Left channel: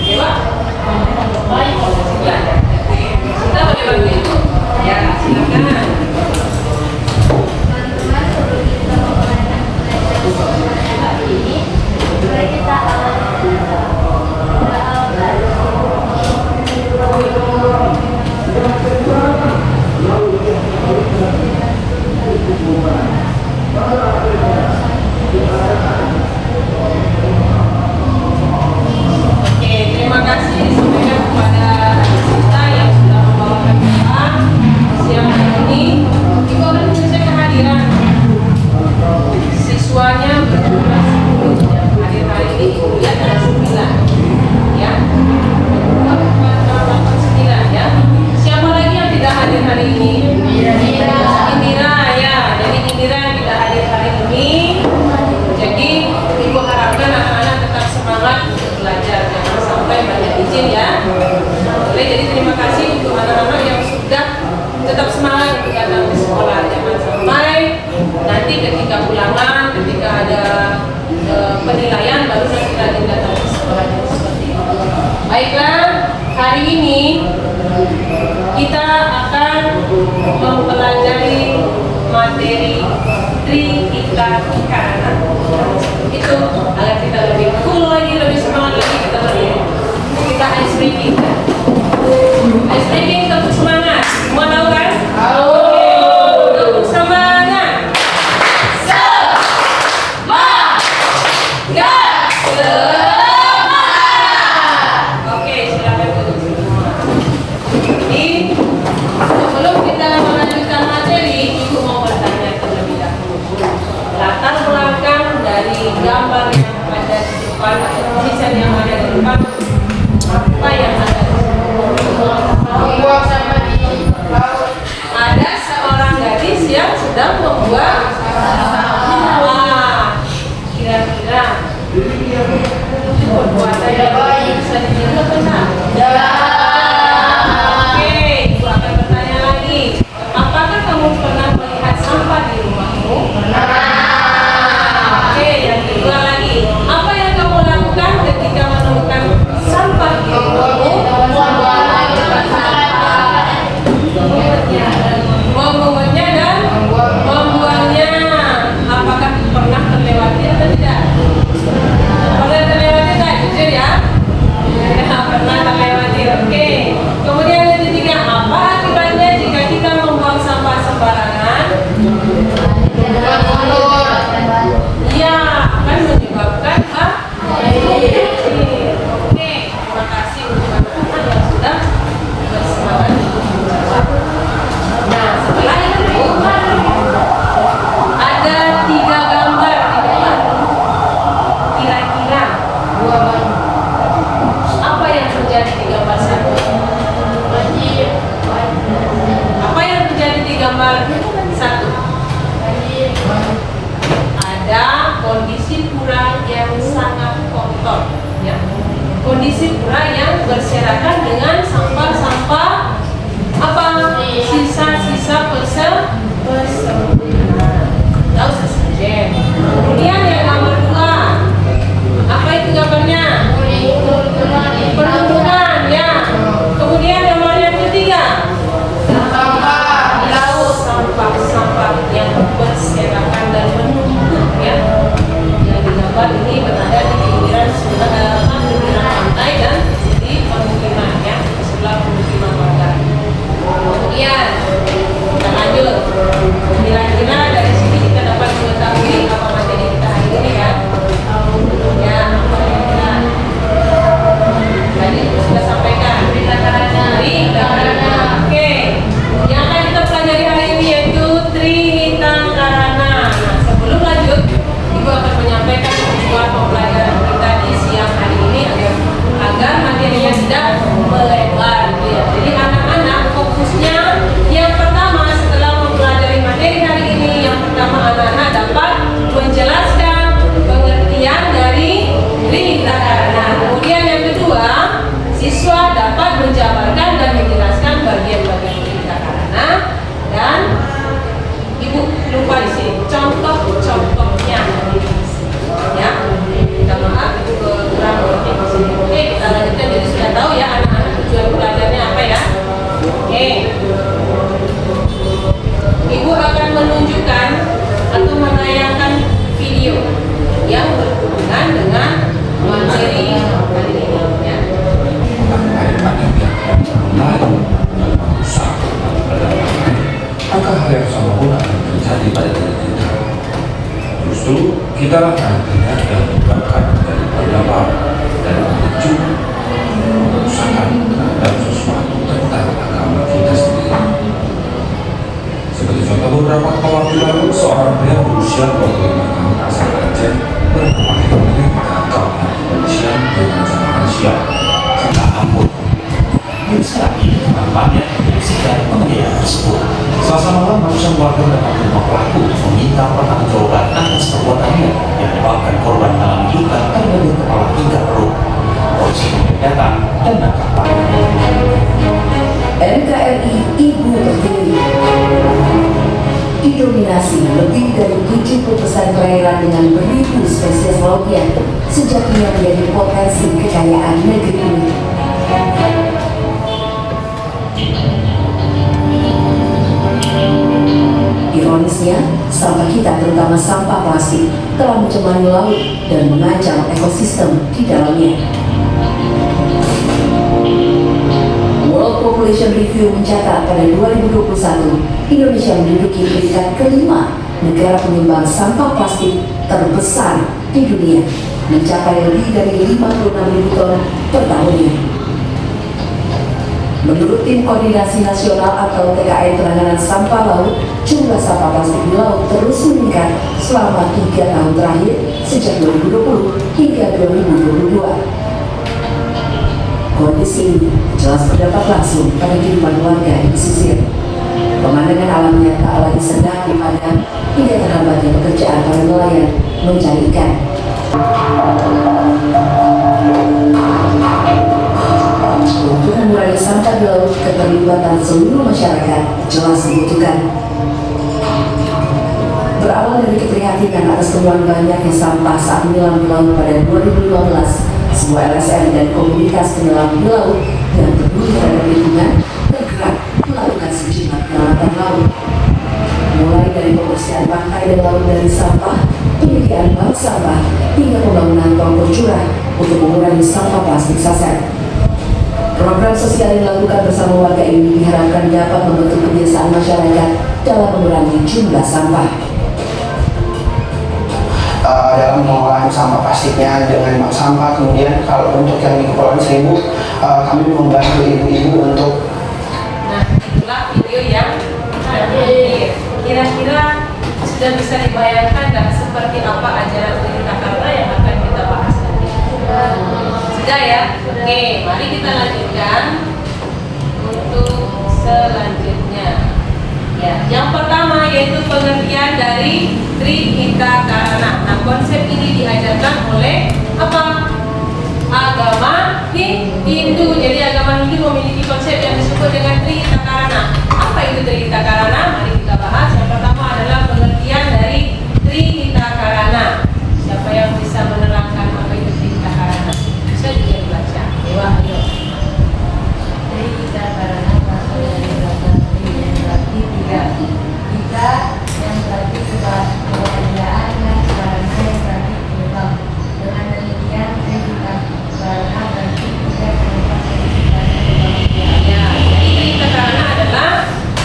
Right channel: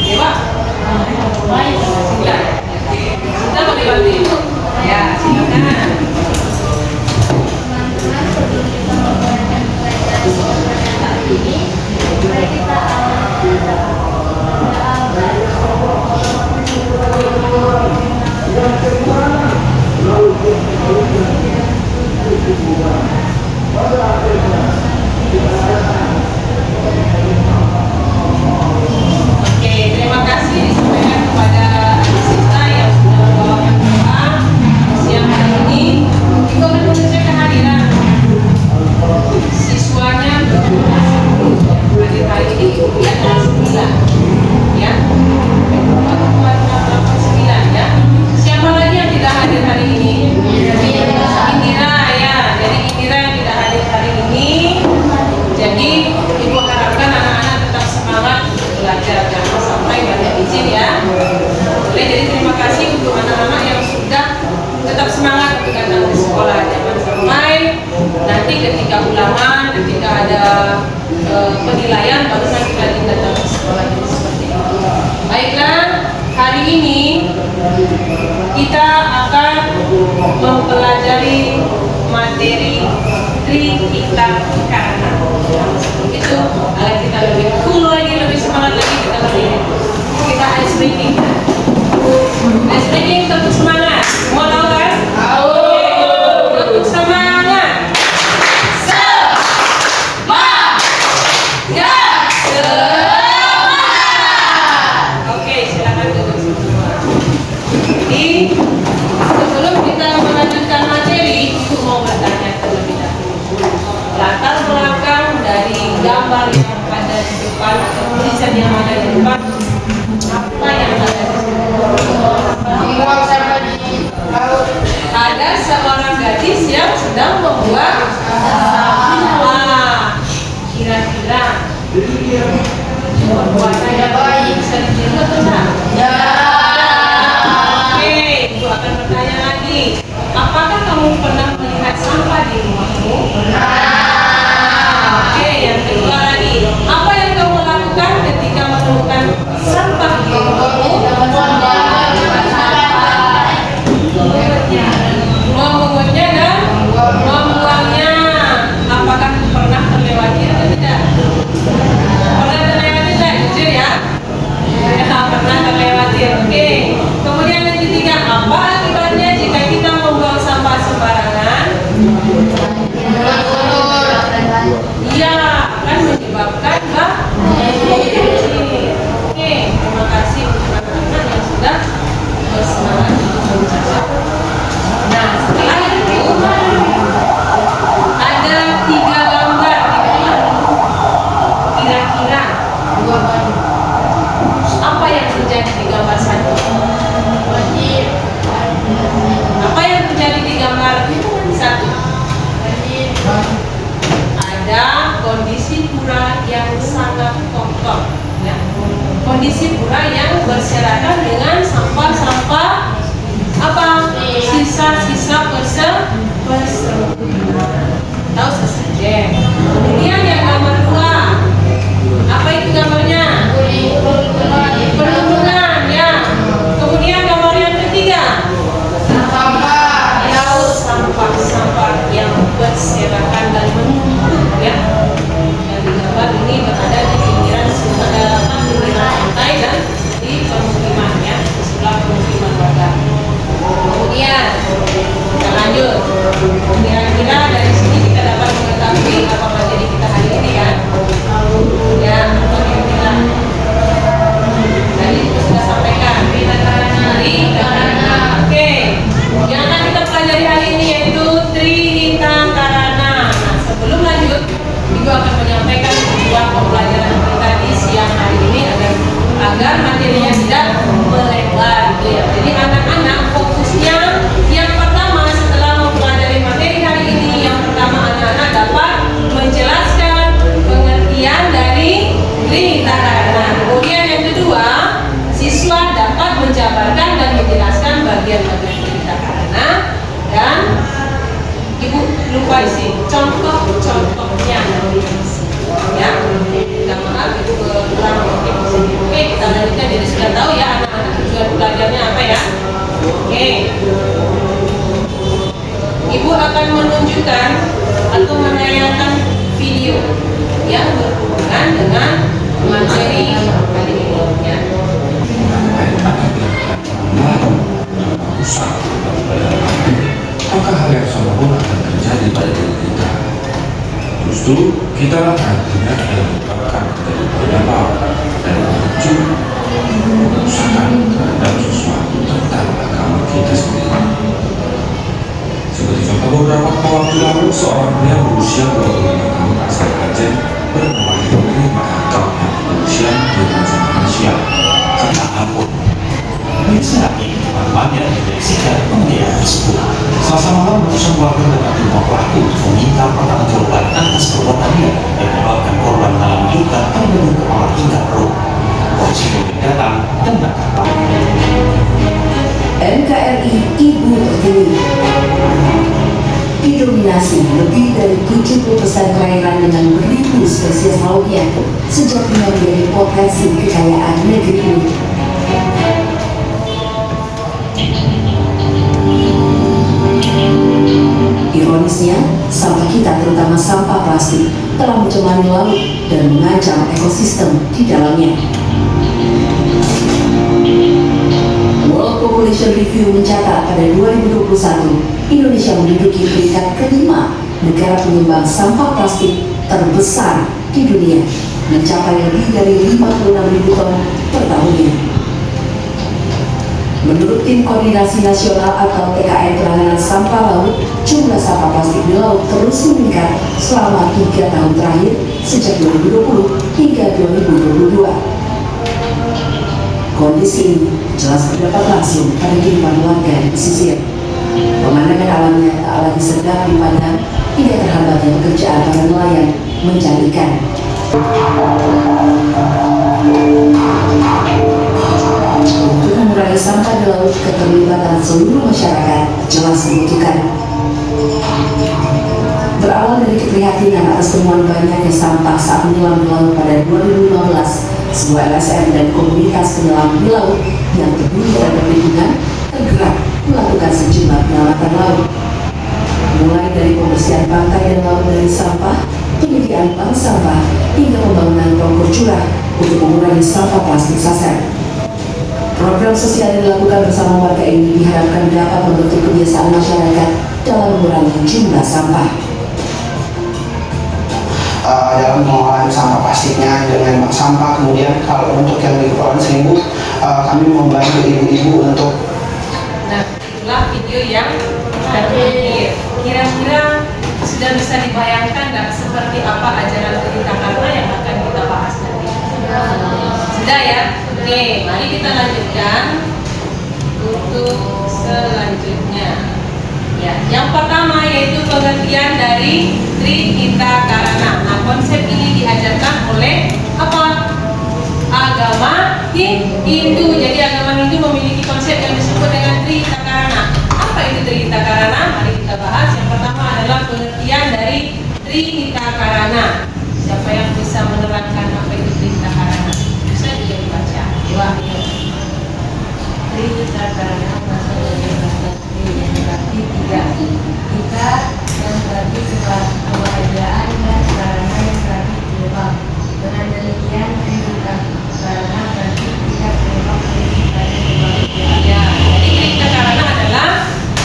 Coba. Kita boleh bantu ibu. Ya, silakan. Oke, terima kasih disampaikan kepada adik Sinta yang sudah membawakan doa siang hari ini. Ibu akan meminta kehadiran siswanya yang hadir hari ini. Kemudian adalah 9, ya. 9 ya. Siapa lagi yang tidak hadir hari ini? Indira ya. Jadi Indira yang tidak hadir hari ini. Jadi ibu harapkan anak-anak tetap semangat untuk belajar, jangan sampai banyak izin ya. Oke, jadi terima kasih untuk anak-anak yang sudah tetap semangat untuk datang ke sekolah, jangan sampai nanti ketika ulangan, ketika ada penilaian baru nanti lagi datang ke sekolah seperti itu. Baiklah, hari ini kita akan mempelajari materi Trihita Karana. Itu agar kita lebih cool lagi, lebih semangat lagi, kita ice breaking. Ice breaking untuk semangat. Semua tahu kan? Tahu. Untuk semangat. Semangat. Oke, silakan duduk semua. Jadi sebelum kita melanjutkan materi, ibu mau bertanya terlebih dahulu. Latar belakang dari gambar yang ada di depan atau tulisan yang ada di depan, apa yang ada di sini? Membuang sampah di laut. Ada seorang gadis yang sedang membuang sampah. Kira-kira perbuatannya baik bisa ditiru atau enggak? Ya. Oke, ibu akan bertanya lagi. Apakah kamu pernah melihat sampah di rumahmu? Oke, yang kedua lagi. Apa yang kamu lakukan ketika menemukan sampah di rumahmu? Memungutnya dan membuangnya. Apakah pernah terlewati atau tidak? Pernah terlewati tak? Jujur ya? Pernah terlewati. Oke. Kemudian yang ketiga, apa akibatnya jika kita membuang sampah sembarangan? Iya, akan menyebabkan banjir. Oke, terima kasih untuk teman-teman yang sudah bersemangat untuk mencatat. Nah, setelah itu ada 3 gambar di depan. Kira-kira apa yang terjadi di gambar 1? Apa yang terjadi di gambar 1? Ada kondisi pura yang sangat kotor, ya. Kondisi pura yang berserakan dengan sampah-sampah apa? Sisa-sisa persetujuan. Tahu sesajen. Kemudian yang gambar 2, apa itu gambarnya? Peruntungan, ya. Kemudian gambar yang ketiga, laut, sampah-sampah yang berserakan dan menumpuk, ya. Yang di gambar ini berada di pinggiran pantai dan di pemukiman, ya, di sebelah pemukiman warga. Kemudian kita lanjut. Kira-kira dari sini kita dapat mengetahui apa materi kita hari ini, kan? Ya, apa kira-kira? Tadi sudah sampaikan. Trihita Karana. Oke. Yang akan kita pelajari hari ini yaitu Trihita Karana. Nah, sebelum lanjut, ibu akan menyampaikan sebuah pembelajaran kita di siang hari ini agar materinya tidak melebar, gitu ya. Jadi anak-anak fokusnya yang pertama setelah mempelajari materi hari ini, yang pertama anak-anak dapat menjelaskan pengertian dari Trihita Karana. Kemudian yang kedua, siswa dapat menjabarkan dan menjelaskan bagian-bagian Trihita Karana. Dan ibu lupa isi contoh-contohnya, ya. Kita Justru kita nantinya yang merupakan daripada apa? Dari menuju pengusahaan terhadap sesuatu tentang agama kita sendiri. Seperti contoh beberapa waktu lalu seorang pria berusia 25 tahun asal Aceh bernama Henry kakaknya berusia dengan sangat Malaysia. Kita ampun. Misalnya ini namanya berisikan pembiayaan sekolah. Selasa malam ratusan warga datang ke rumah pelaku meminta pertanggungjawaban atas perbuatannya dan menyebabkan korban mengalami luka pada bagian kepala hingga perut. Polisi kemudian datang dan menangkap pelaku. NKRI Ibu Pertiwi didominasi lebih dari 70% perairan dengan beribu spesies lautnya sejak menjadi potensi kekayaan negeri ini. Ironisnya, sampah kita terutama sampah plastik telah mencemari laut dan mengancam ekosistem di dalamnya. World Population Review mencatat pada 2021, Indonesia menduduki peringkat kelima negara penyumbang sampah plastik terbesar di dunia, mencapai lebih dari 56.000 ton per tahunnya. Menurut Tim Koordinasi Nasional atau TKN Penanganan Sampah Laut, jumlah sampah plastik di laut terus meningkat selama 3 tahun terakhir sejak 2020 hingga 2022. Kondisi ini jelas berdampak langsung pada kehidupan warga di pesisir. Pemandangan alamnya tak lagi sedap dipandang hingga terhambatnya pekerjaan para nelayan mencari ikan. Untuk mengurangi sampah di laut, keterlibatan seluruh masyarakat jelas dibutuhkan. Berawal dari keprihatinan atas temuan banyaknya sampah saat menyelam di laut pada 2015, sebuah LSM dan komunitas penyelam di laut yang peduli terhadap lingkungan bergerak melakukan sejumlah penyelamatan laut. Mulai dari pembersihan pantai dan laut dari sampah, penyediaan bank sampah, hingga pembangunan tongkol curah untuk mengurangi sampah plastik saset. Program sosial yang dilakukan bersama warga ini diharapkan dapat membentuk kebiasaan masyarakat dalam mengurangi jumlah sampah. Dalam pengolahan sampah plastiknya dengan bank sampah, kemudian kalau untuk yang di Kepulauan Seribu kami membantu ibu-ibu untuk. Nah, itulah video yang terakhir. Kira-kira sudah bisa dibayangkan nggak seperti apa ajaran Pelita Karma yang akan kita bahas nanti? Sudah ya? Oke, mari kita lanjutkan untuk selanjutnya. Ya, yang pertama yaitu pengertian dari Trihita Karana. Nah, konsep ini diajarkan oleh apa? Agama Hindu. Jadi agama Hindu memiliki konsep yang disebut dengan Trihita Karana. Apa itu Trihita Karana? Mari kita bahas. Yang pertama adalah pengertian dari Trihita Karana. Siapa yang bisa menerangkan apa itu Trihita Karana? Bisa juga dibaca. Dewa, ayo. Trihita Karana bahasa bahasa yang berarti tiga. Kita yang berarti kebahagiaan dan karana yang berarti penyebab. Dengan demikian Trihita Karana berarti tiga penyebab kebahagiaan. Jadi Trihita Karana adalah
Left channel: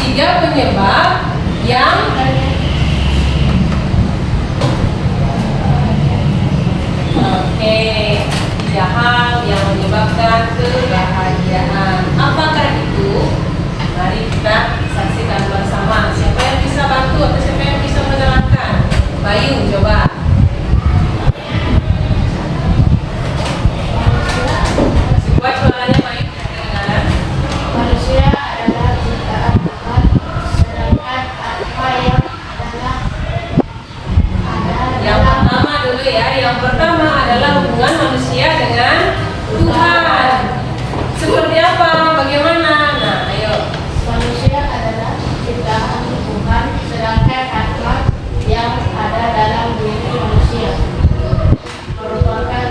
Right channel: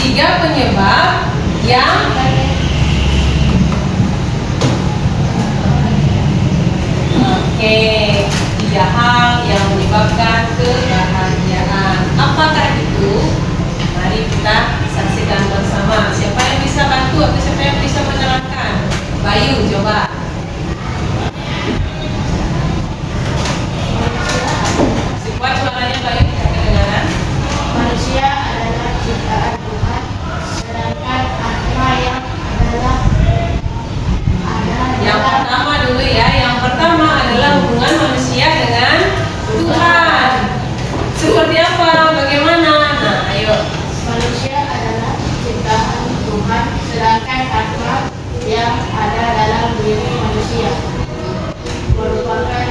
tiga penyebab yang tiga hal yang menyebabkan kebahagiaan. Apakah itu? Mari kita saksikan bersama. Siapa yang bisa bantu atau siapa yang bisa menerangkan? Bayu, coba. Kuat suaranya Bayu, kedengaran. Manusia adalah ciptaan Tuhan, sedangkan agama yang adalah Yang pertama dulu ya, yang pertama adalah hubungan manusia dengan Tuhan. Seperti apa? Bagaimana? Nah, ayo. manusia adalah ciptaan Tuhan, sedangkan akhlak yang ada dalam diri manusia merupakan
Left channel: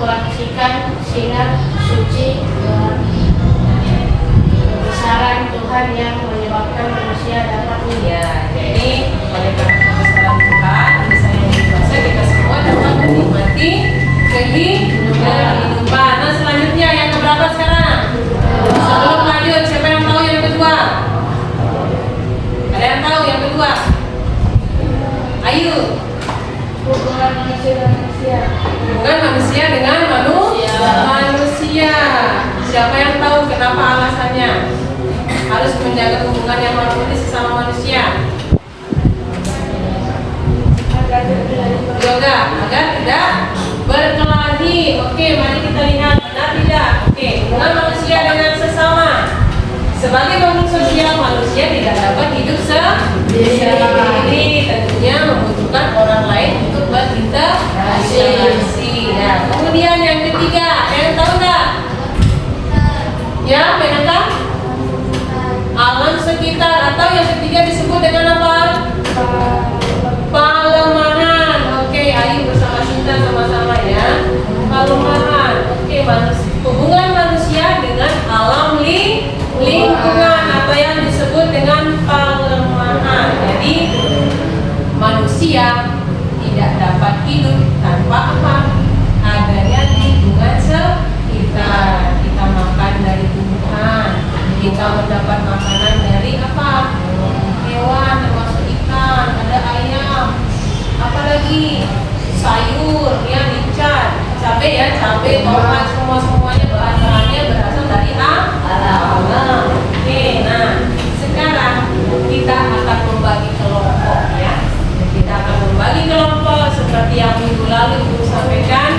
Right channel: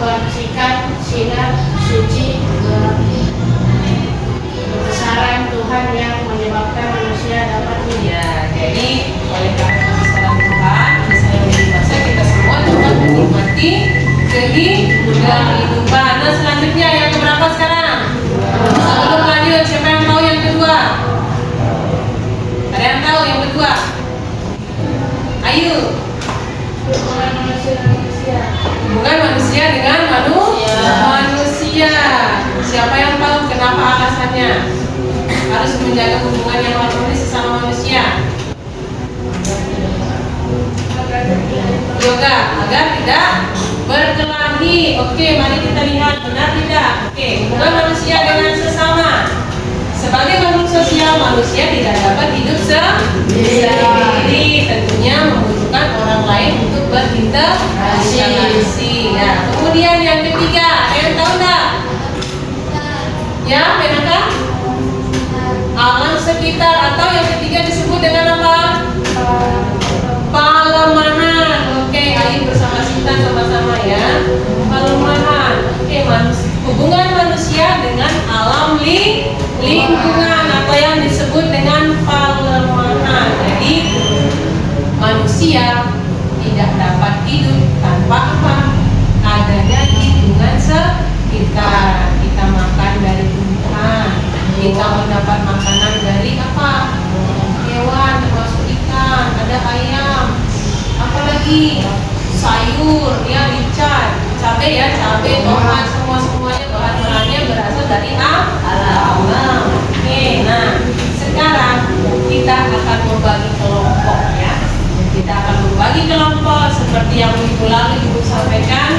percikan sinar suci kebesaran Tuhan yang menyebabkan manusia dapat Ya, jadi oleh karena kebesaran Tuhan, misalnya yang dibahas kita semua dapat manusia dengan manusia. Hubungan manusia dengan manusia. Siapa yang tahu kenapa alasannya harus menjaga hubungan yang harmonis sesama manusia? Yoga agar tidak berkelahi. Oke, mari kita lihat benar tidak. Oke, hubungan manusia dengan sesama. Sebagai makhluk sosial, manusia tidak dapat hidup sendiri. Tentunya membutuhkan orang lain untuk berinteraksi. Nah, kemudian yang ketiga, yang tahu enggak? Ya, benarkah? Alam sekitar, atau yang ketiga disebut dengan apa? Palemahan. Oke, ayo bersama Sinta sama-sama ya. Palemahan. Oke, hubungan manusia dengan alam lingkungan atau yang disebut dengan palemahan. Jadi manusia tidak dapat hidup tanpa apa? Adanya lingkungan sekitar. Kita makan dari tumbuhan, kita mendapat makanan dari apa? Hewan, termasuk ikan, ada ayam, apalagi sayur, ya dicat, cabai ya, cabai, tomat, semuanya bahan-bahannya berasal dari alam. Oke, nah sekarang kita akan membagi kelompok ya. Kita akan membagi kelompok seperti yang minggu lalu Ibu sampaikan,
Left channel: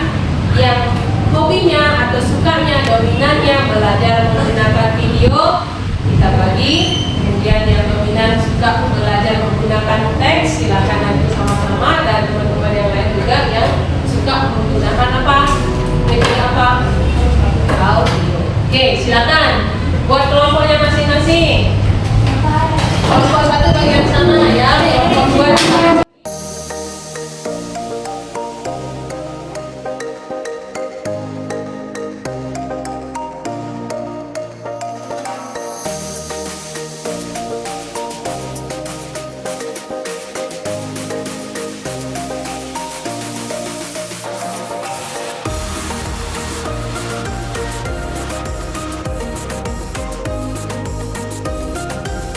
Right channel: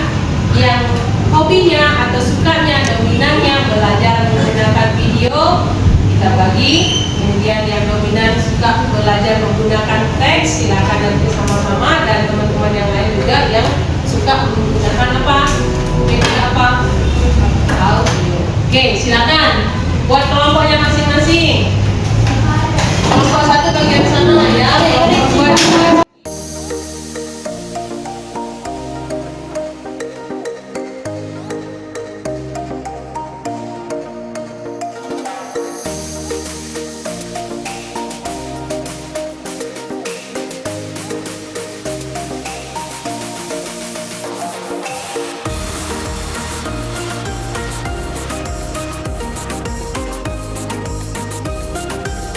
yang hobinya atau sukanya, dominannya belajar menggunakan video, kita bagi. Kemudian yang dominan suka belajar menggunakan teks, silakan nanti sama-sama, dan teman-teman yang lain juga yang suka menggunakan apa? Media apa? Audio. Oke, silakan buat kelompoknya masing-masing. Kelompok satu bagian sana ya. Buat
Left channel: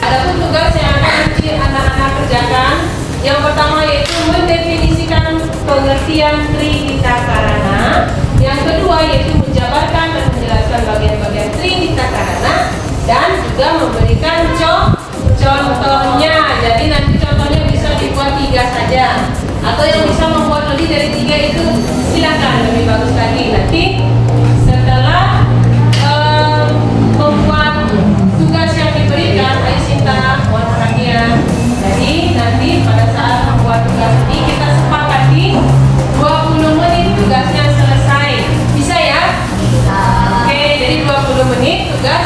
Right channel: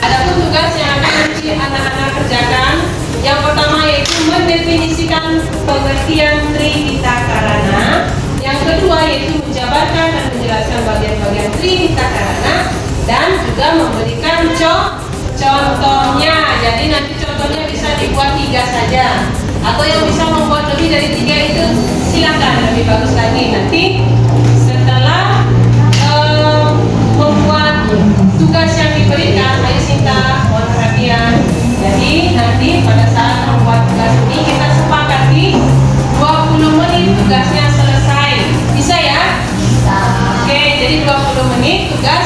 adapun tugas yang akan nanti anak-anak kerjakan, yang pertama yaitu mendefinisikan pengertian Trinitakarana. Yang kedua yaitu menjabarkan dan menjelaskan bagian-bagian Trinitakarana dan juga memberikan contohnya. Jadi nanti contohnya bisa dibuat 3 saja, atau yang bisa membuat lebih dari 3 itu silakan, lebih bagus lagi. Nanti setelah membuat tugas yang diberikan, ayo Sinta, mohon perhatian. Jadi nanti pada saat membuat tugas ini kita sepakati 20 menit tugasnya selesai. Bisa ya? Oke, jadi 20 menit tugas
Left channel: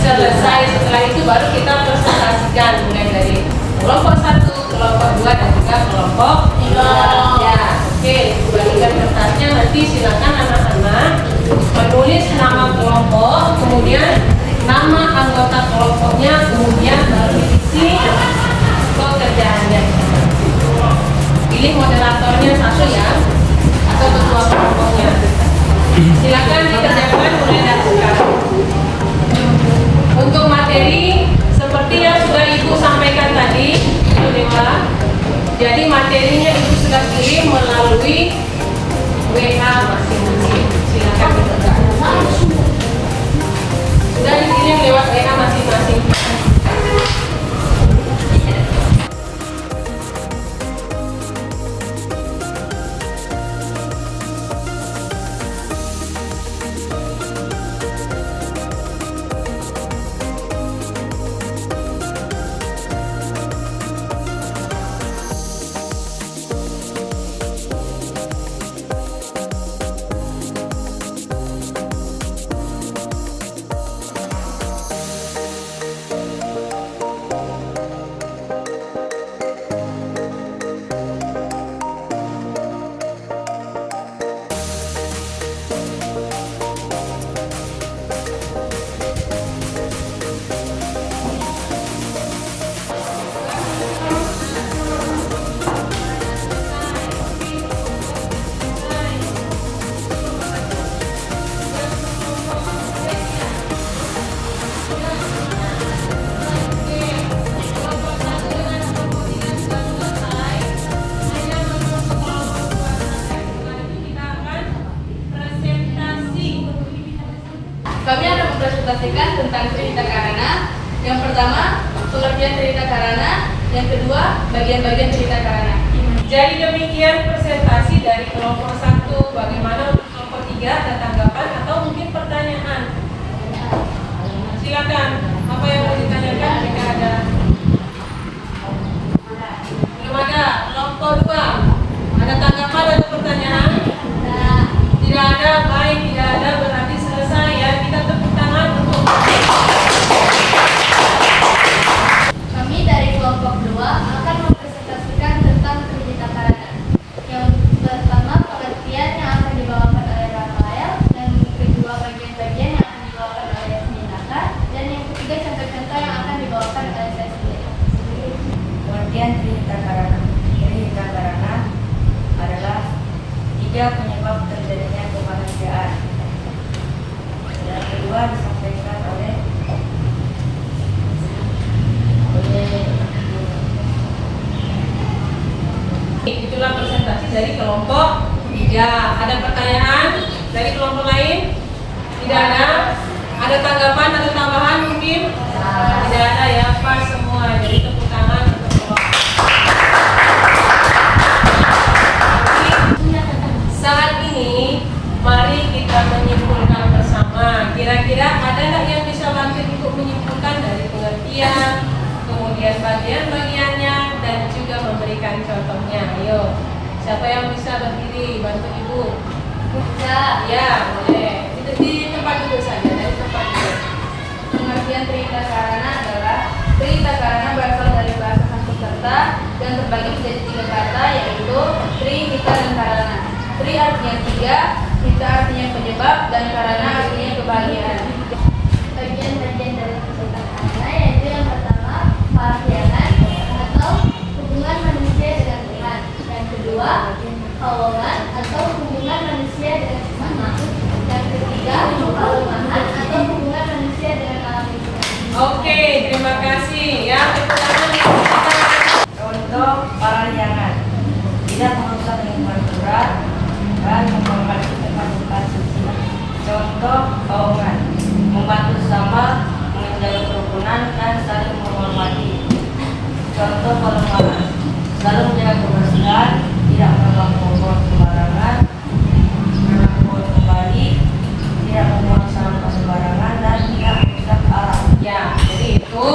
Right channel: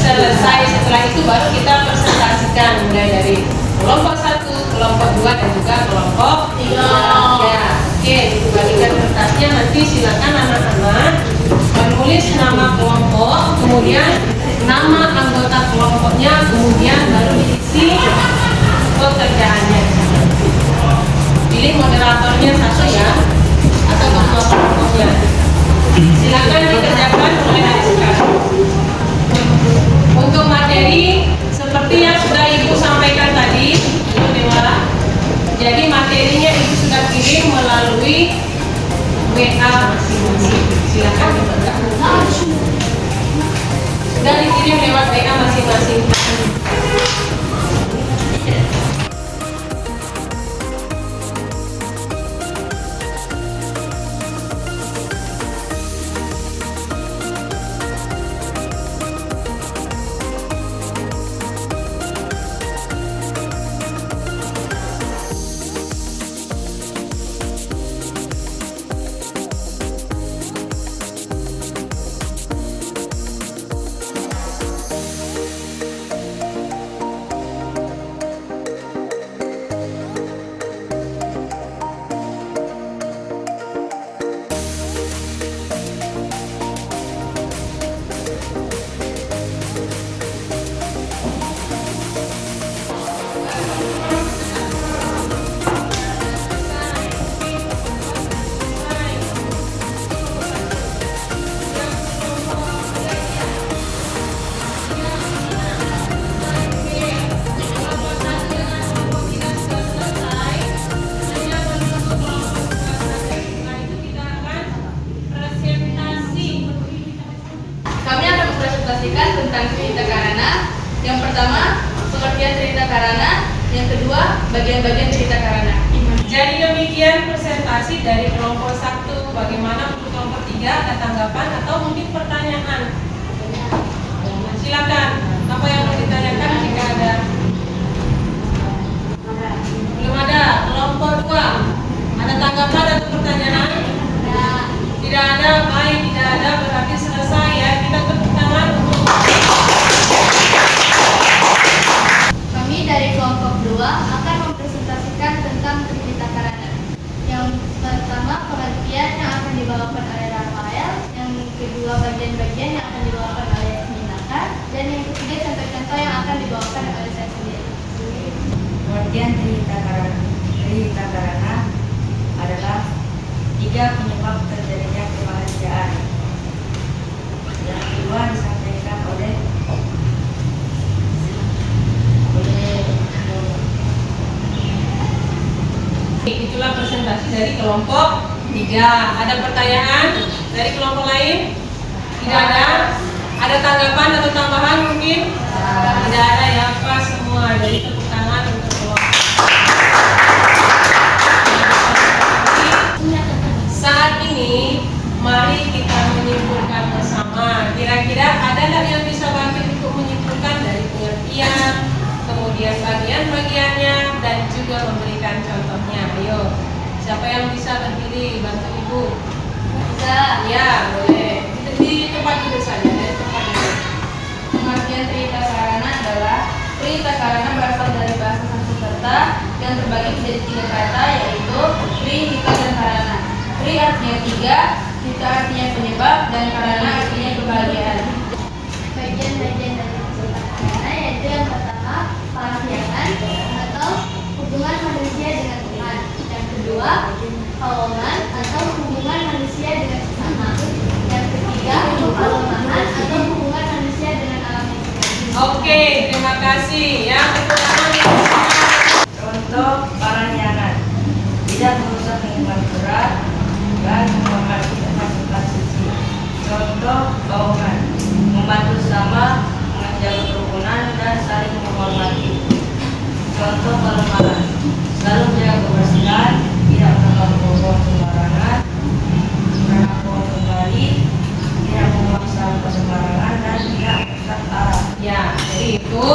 selesai. Setelah itu baru kita presentasikan, mulai dari kelompok 1, kelompok 2, dan juga kelompok 3. Ya, oke, bagikan kertasnya. Nanti silakan anak-anak menulis nama kelompok, kemudian nama anggota kelompoknya, kemudian baru diisi pekerjaannya. Pilih moderatornya 1 ya, atau ketua kelompoknya. Silakan dikerjakan mulai dari sekarang. Untuk materi seperti yang sudah Ibu sampaikan tadi, jadi materinya Ibu sudah kirim melalui WA masing-masing. Silakan dikerjakan. Sudah dikirim lewat WA masing-masing. menginformasikan tentang Trihita Karana. Yang pertama, pengertian Trihita Karana. Yang kedua, bagian-bagian Trihita Karana. Jadi demikian presentasi dari kelompok 1. Bagaimana untuk kelompok 3? Ada tanggapan atau mungkin pertanyaan? Silakan. Apa yang mau ditanyakan jika ada? Belum ada. Kelompok 2. Ada tanggapan atau pertanyaan? Tidak ada. Baik, tidak ada berarti selesai ya. Kita tepuk tangan untuk Kami dari kelompok 2 akan mempresentasikan tentang Trihita Karana. Yang pertama, pengertian yang akan dibawakan oleh Rafael. Yang kedua, bagian-bagian yang akan dibawakan oleh Minaka. Dan yang ketiga, contoh-contoh yang akan dibawakan oleh saya sendiri. Pengertian Trihita Karana. Trihita Karana adalah 3 penyebab terjadinya kebahagiaan. Yang kedua disampaikan oleh itulah presentasi dari kelompok 3. Ada pertanyaan dari kelompok lain? Tidak ada. Ada tanggapan atau tambahan mungkin? Tidak ada ya, pas semua. Jadi tepuk tangan untuk semua. Saat ini mari kita menyimpulkan bersama. Kira-kira ada nggak yang bisa bantu untuk menyimpulkan dari pengertian, kemudian bagian-bagiannya, dan juga memberikan contohnya. Ayo, siapa yang bisa berdiri bantu ibu? Bisa. Ya, boleh. Di tempat duduk saja, dari tempat duduk. Pengertian Trihita Karana adalah Trihita Karana berasal dari bahasa Sanskerta dan terbagi menjadi 3 kata, yaitu Tri, Hita, dan Karana. Tri artinya 3, Hita artinya penyebab, dan Karana artinya kebahagiaan. Bagian-bagian dari Trihita Karana yaitu yang pertama, parahyangan atau hubungan manusia dengan Tuhan. Yang kedua, awongan atau hubungan manusia dengan sesama. Yang ketiga, kalemahan atau hubungan manusia dengan alam ini. Oke, terima kasih. Ya, tepuk tangan. contoh parahyangan. Tidak merusak lingkungan berat dan menghormati tempat-tempat suci. Contoh awongan. Membantu sama, menjaga kerukunan dan saling menghormati. Contoh kalemahan. Selalu menjaga kebersihan, tidak menebang pohon sembarangan, menanam pohon kembali, tidak membuang sampah sembarangan, dan tidak merusak alam. Ya, jadi itu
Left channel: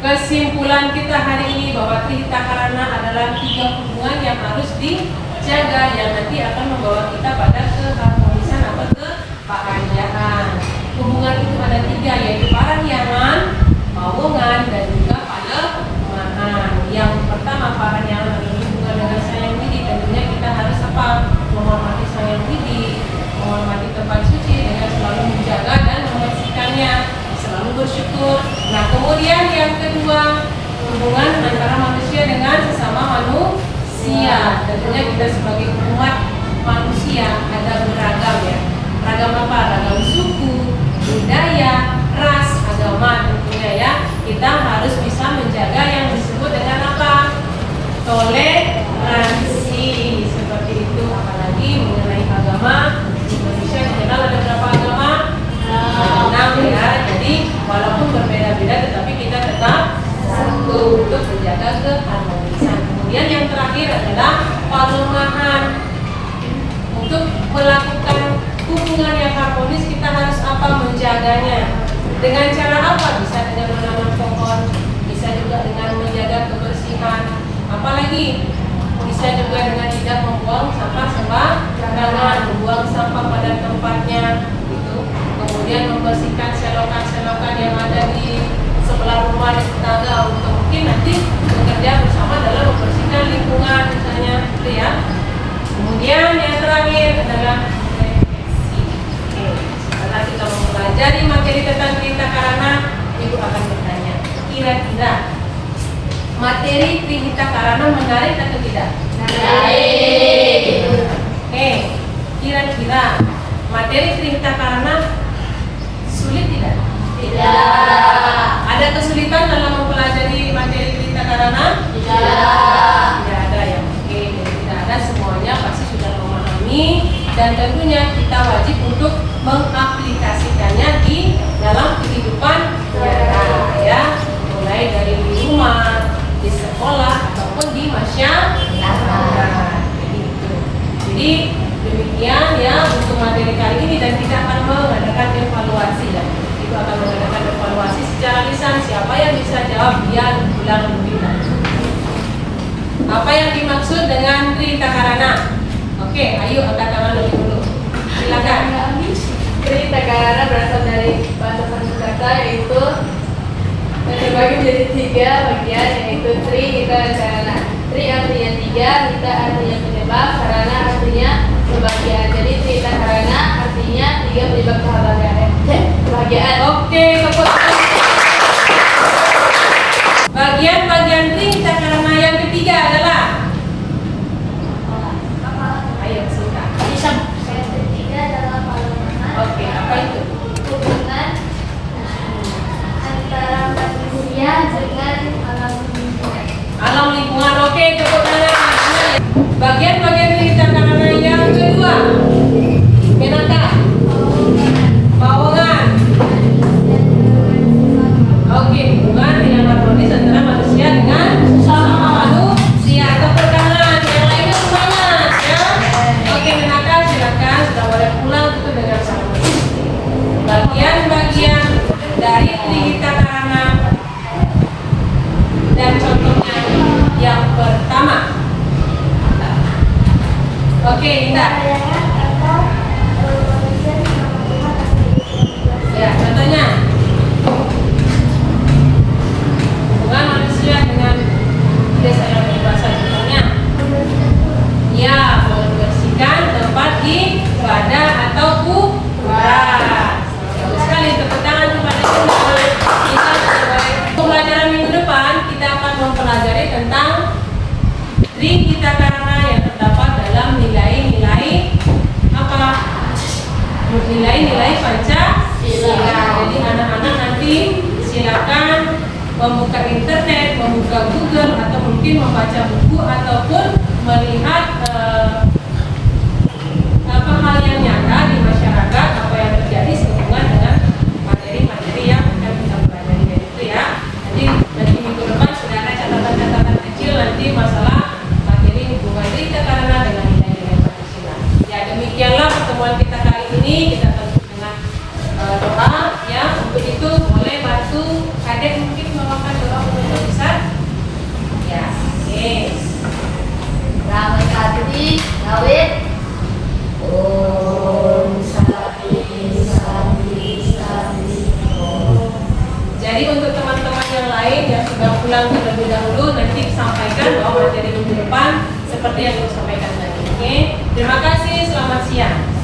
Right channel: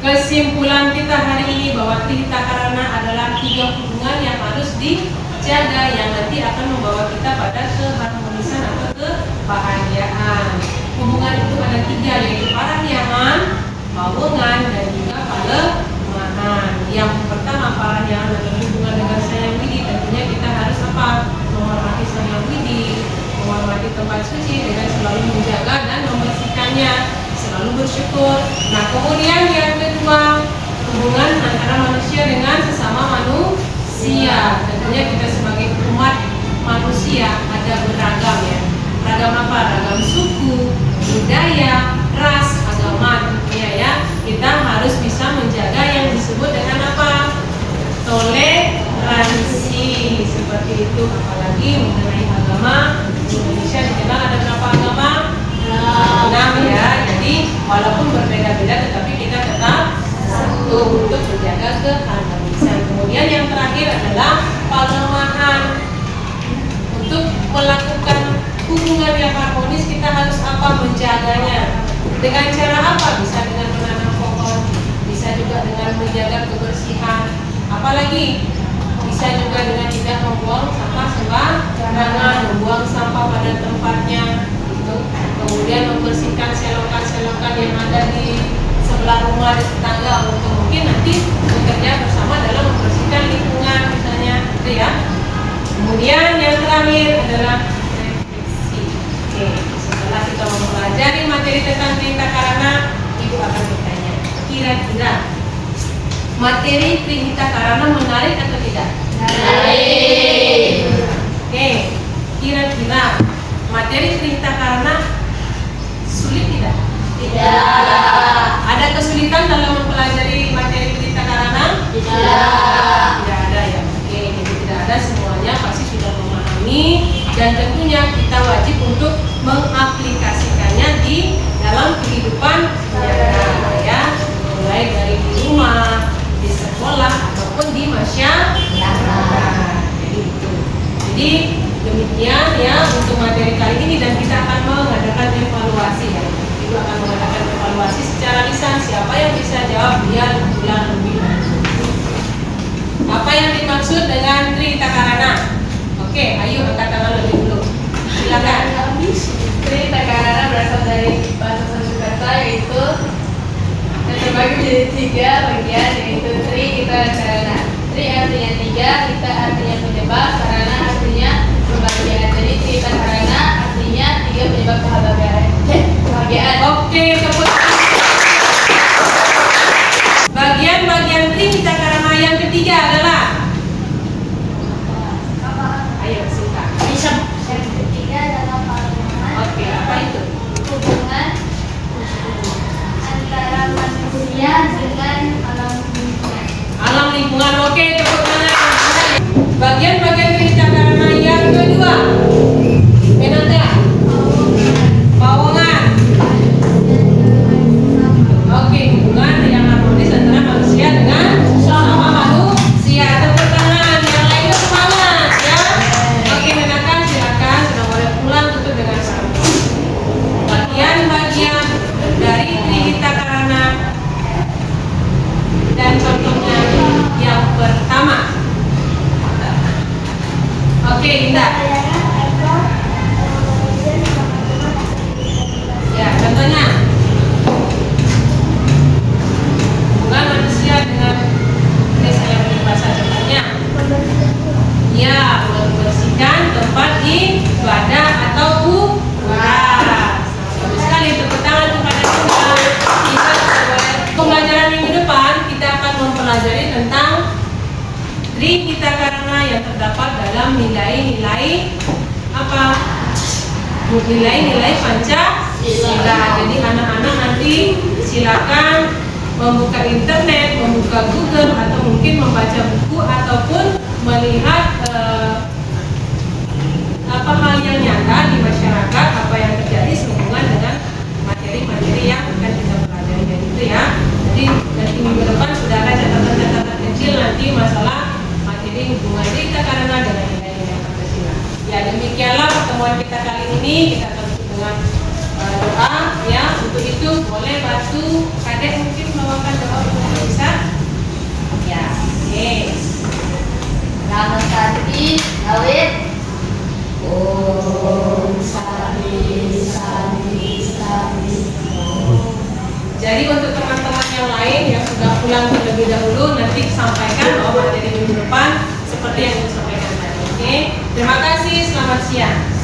kesimpulan kita hari ini bahwa Trihita Karana adalah 3 hubungan yang harus dijaga yang nanti akan membawa kita pada keharmonisan atau kebahagiaan. Hubungan itu ada 3, yaitu parahyangan, pawongan, dan juga palemahan. Yang pertama, parahyangan adalah hubungan dengan sayang widi. Tentunya kita harus apa? Menghormati sayang widi, menghormati tempat suci dengan selalu menjaga dan membersihkannya, selalu bersyukur. Nah, kemudian yang kedua, hubungan antara manusia dengan sesama manusia. Tentunya kita sebagai umat manusia ada beragam ya. Ragam apa? Ragam suku, budaya, ras, agama tentunya ya. Kita harus bisa menjaga yang disebut dengan apa? Toleransi. Seperti itu. Apalagi mengenai agama, Indonesia dikenal ada berapa agama? 6 ya. Jadi walaupun berbeda-beda tetapi kita tetap satu untuk menjaga keharmonisan. Kemudian yang terakhir adalah palemahan. Untuk melakukan hubungan yang harmonis kita harus apa? Menjaganya. Dengan cara apa? Bisa dengan menanam pohon, bisa juga dengan menjaga kebersihan. Apalagi bisa juga dengan tidak membuang sampah sembarangan, membuang sampah pada tempatnya. Kemudian membersihkan selokan-selokan yang ada di sebelah rumah dan tetangga untuk mungkin nanti bekerja bersama dalam membersihkan lingkungan misalnya, gitu ya. Kemudian yang terakhir adalah refleksi. Oke, setelah kita mempelajari materi tentang Trihita Karana, ibu akan bertanya, kira-kira materi Trihita Karana menarik atau tidak? Menarik. Oke, kira-kira materi Trihita Karana sulit tidak? Tidak. Ada kesulitan dalam mempelajari materi Trihita Karana? Tidak. Tidak ada ya. Oke, jadi tidak ada, semuanya pasti sudah memahami dan tentunya kita wajib untuk mengaplikasikannya di dalam kehidupan masyarakat. Jadi demikian ya untuk materi kali ini, dan kita akan mengadakan evaluasi ya. Itu akan mengadakan evaluasi secara lisan, siapa yang bisa jawab dia ulang lebih. Apa yang dimaksud dengan Trita Karana? Oke, ayo angkat tangan lebih dulu. Silakan. Trita Karana berasal dari bahasa Sanskerta, yaitu yang terbagi menjadi 3 bagian, yaitu Tri, Hita, dan Karana. Tri artinya 3, Hita artinya penyebab, Karana artinya kebahagiaan. Jadi Trita Karana artinya 3 penyebab kebahagiaan. Oke, tepuk tangan. Bagian-bagian Trita Karana yang ketiga adalah, ayo singkat. Yang ketiga adalah Oke, apa itu? hubungan antara manusia dengan alam lingkungan. Alam lingkungan. Oke, tepuk tangan. Bagian-bagian Trita Karana yang kedua, Benata, Pawongan. Oke, hubungan yang harmonis antara manusia dengan sama manusia. Tepuk tangan. Yang lainnya semangat ya. Oke, Benata silakan, sudah boleh pulang tutup dengan sama. Bagian-bagian dari Trita Karana dan contohnya yang pertama. Oke, Indah. Ya, contohnya hubungan manusia dengan desa yang berbahasa. Contohnya, ya, membersihkan tempat ibadah atau kuburan. Bagus sekali, tepuk tangan kepada kita. Pembelajaran minggu depan kita akan mempelajari tentang Trita Karana yang terdapat dalam nilai-nilai apa? Nilai-nilai Pancasila. Jadi anak-anak nanti silakan membuka internet, membuka Google, atau mungkin membaca buku ataupun melihat apa hal yang nyata di masyarakat, apa yang terjadi sehubungan dengan materi-materi yang akan kita pelajari. Jadi itu ya. Jadi nanti minggu depan sudah ada catatan-catatan kecil nanti masalah materi hubungan Trita Karana dengan nilai-nilai Pancasila. Ya, demikianlah pertemuan kita kali ini. Kita tutup dengan doa ya. Untuk itu boleh bantu Kadek mungkin membawakan doa untuk bisa. Ya, oke. Nama Sati, Awit. Om Santi Santi Santi. Jadi untuk teman-teman yang lain yang sudah pulang terlebih dahulu, nanti sampaikan bahwa materi minggu depan seperti yang disampaikan tadi. Oke, terima kasih. Selamat siang.